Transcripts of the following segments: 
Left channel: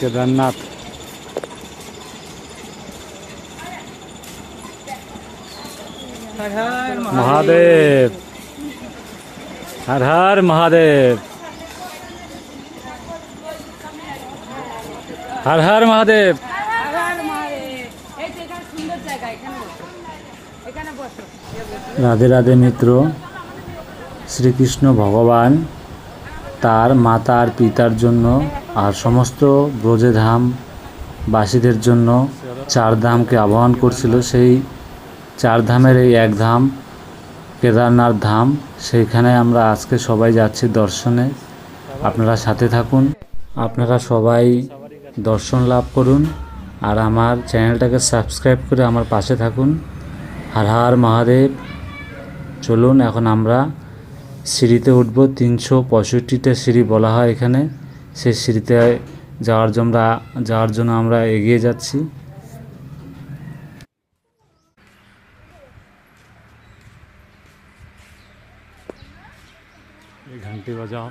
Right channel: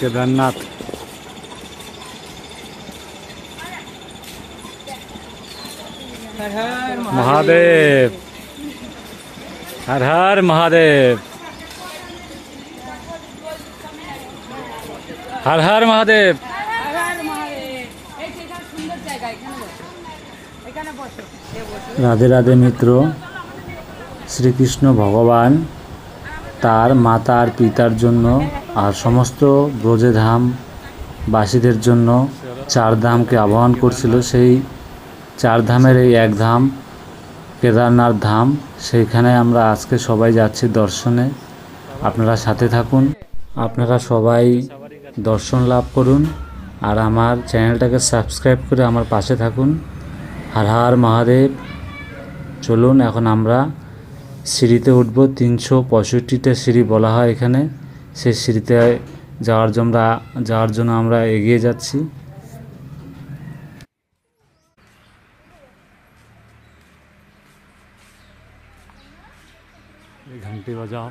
কেদারনাথ মহাদেব। হর হর মহাদেব। হর হর মহাদেব। রাধে রাধে মিত্র, শ্রীকৃষ্ণ ভগবান, তার মাতা আর পিতার জন্য আর সমস্ত ব্রজেধাম বাসীদের জন্য চার ধামকে আহ্বান করছিল। সেই চার ধামের এই এক ধাম, কেদারনাথ ধাম, সেইখানে আমরা আজকে সবাই যাচ্ছি দর্শনে। আপনারা সাথে থাকুন। আপনারা সবাই দর্শন লাভ করুন আর আমার চ্যানেলটাকে সাবস্ক্রাইব করে আমার পাশে থাকুন। হর হর মহাদেব। চলুন, এখন আমরা সিঁড়িতে উঠব। তিনশো পঁয়ষট্টিটা সিঁড়ি বলা হয় এখানে। সেই সিঁড়িতে যাওয়ার জন্য যাওয়ার জন্য আমরা এগিয়ে যাচ্ছি। ঘন্টি বাজাও।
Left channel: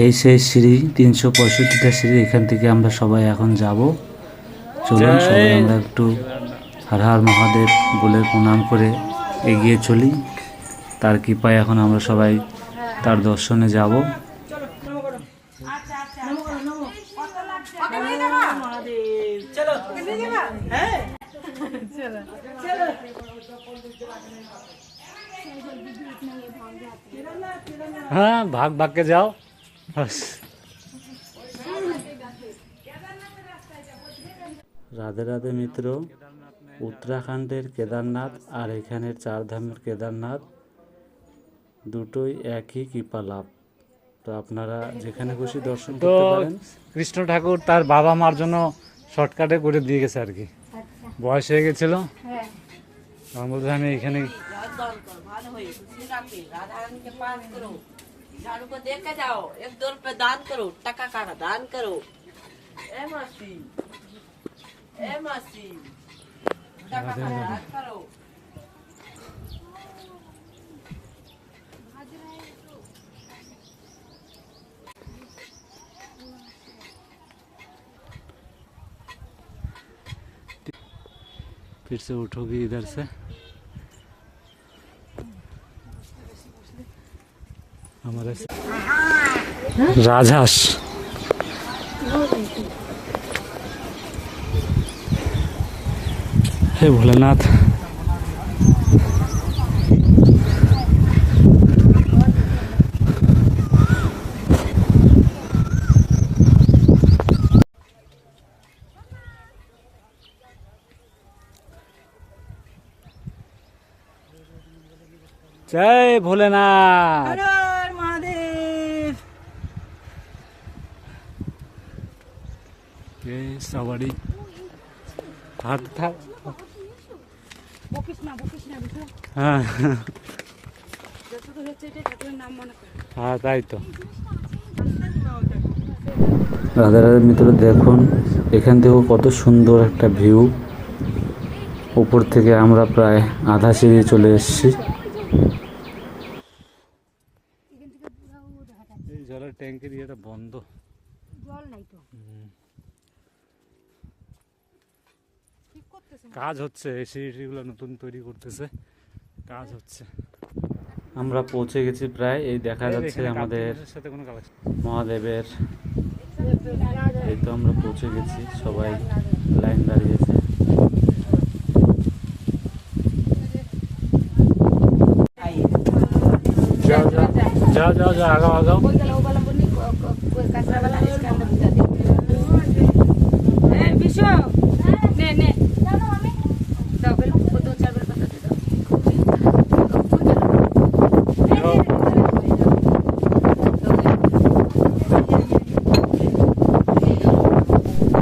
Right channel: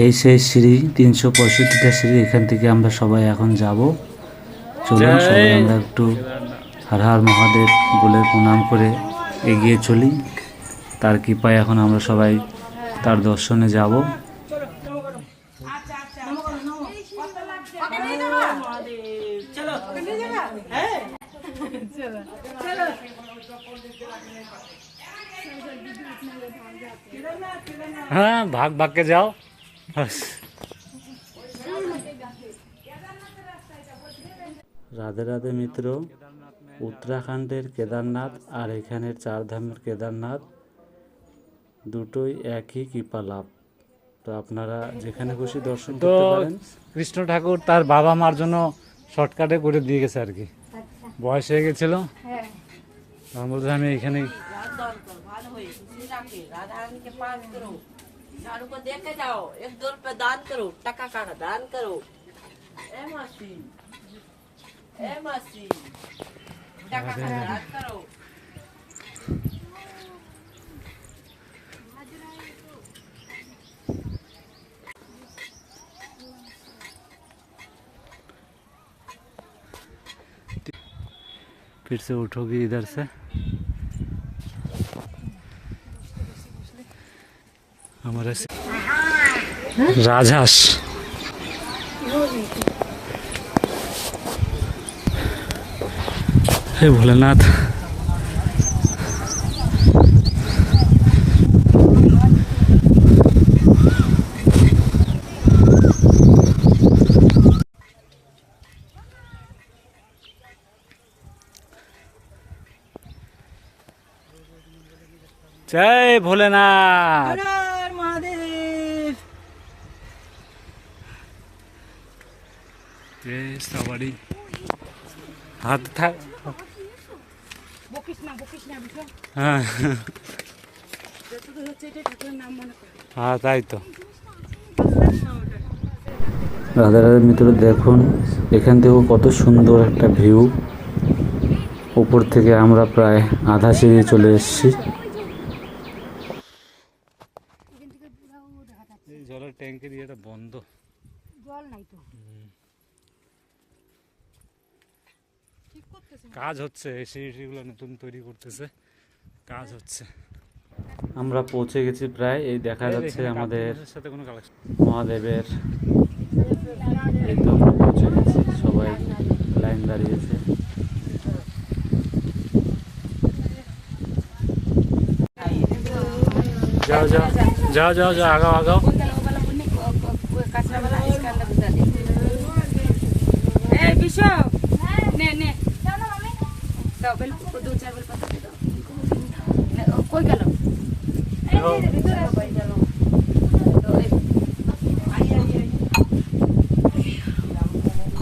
এই সেই সিঁড়ি তিনশো পঁয়ষট্টিটা সিঁড়ি এখান থেকে আমরা সবাই এখন যাব। চলুন সবাই আমরা একটু হর হর মহাদেব বলে প্রণাম করে এগিয়ে চলি। তার কৃপায় এখন আমরা সবাই তার দর্শনে যাব। হ্যাঁ ভাগ, ভাগকে যাও। রাধে রাধে মিত্র। উত্তরাখণ্ডের কেদারনাথ আর এখানের চারধামের কেদারনাথ দুটোই একই কৃপা লাভ। তো আপনারা যেখানে খুশি দর্শন করতে পারেন। কৃষ্ণ ঠাকুর তার বাবা মার জন্য শর্টকাটে করে দিয়ে গেছে আর কি। আচ্ছা। বয়স হয়ে গেছিল। হ্যাঁ। এখানে फिर से उठोगी इधर से। हमारे राजहस। হে ভোলেনাথ। জয় ভোলেনাথ। মহাদেব। সবারই হাত থাক। হ্যাঁ। হ্যাঁ তাই তো। রাধা রাধা মিত্র দেখুন এখান থেকেও কত সুন্দর একটা ভিউ। উপর থেকে আমরা প্রায় আধা সিঁড়ি চলে এসেছি। জলের ট্যাঙ্কের ইয়েটা বন্ধ। জল নাই তো। কাজ হচ্ছে সিঁড়িগুলো নতুন তৈরি করতেছে। কাজ হচ্ছে। আমরা পৌঁছে গেছি প্রায় এই দেখা যাচ্ছে আমাদের মহাদেবের। এই তো আমরা পৌঁছে গেছি সবাই লাইন দাঁড়িয়েছে। যাও যাও যাও যাও যাও আগাও আগাও। বিশ্ব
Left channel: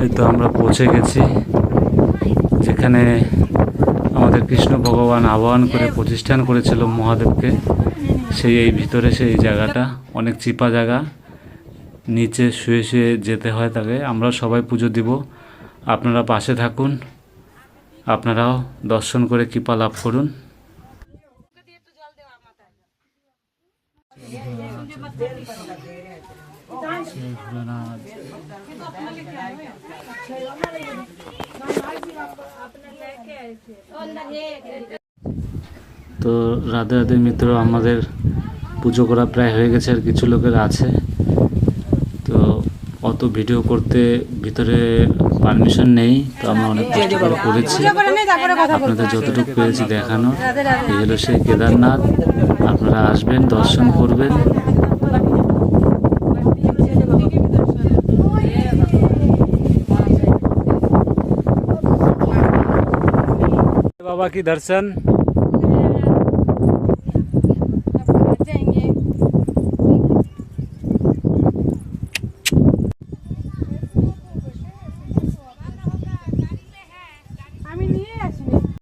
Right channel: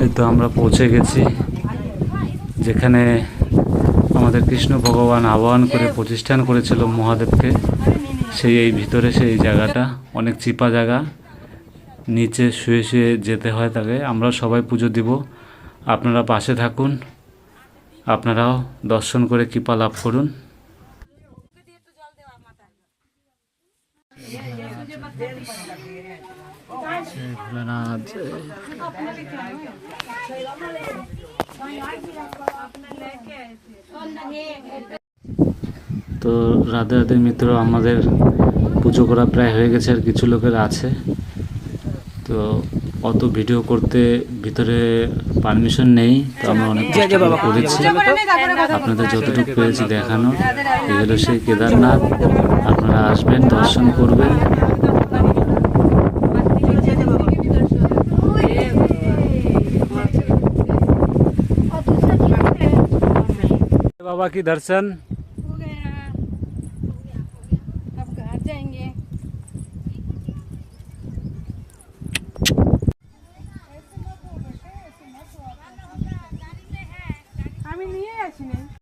এই তো আমরা পৌঁছে গেছি। যেখানে আমাদের কৃষ্ণ ভগবান আহ্বান করে প্রতিষ্ঠান করেছিল মহাদেবকে। সেই এই ভিতরে সেই জায়গাটা অনেক চিপা জায়গা। নিচে শুয়ে শুয়ে যেতে হয় তাকে। আমরা সবাই পুজো দিব। আপনারা পাশে থাকুন। আপনারাও দর্শন করে কৃপা লাভ করুন। তো রাধে রাধে মিত্র আমাদের পুজো করা প্রায় হয়ে গেছে আর কিছু লোকের আছে। তো অত ভিডিও করতে ভিতরে পারমিশন নেই তো আমরা অনেক কষ্ট করে করেছি আপনাদের যতটুকু পেরেছি দেখানো এই হলো সেই কেদারনাথ আপনারা আসবেন দর্শন করবেন बाबा की दर्शन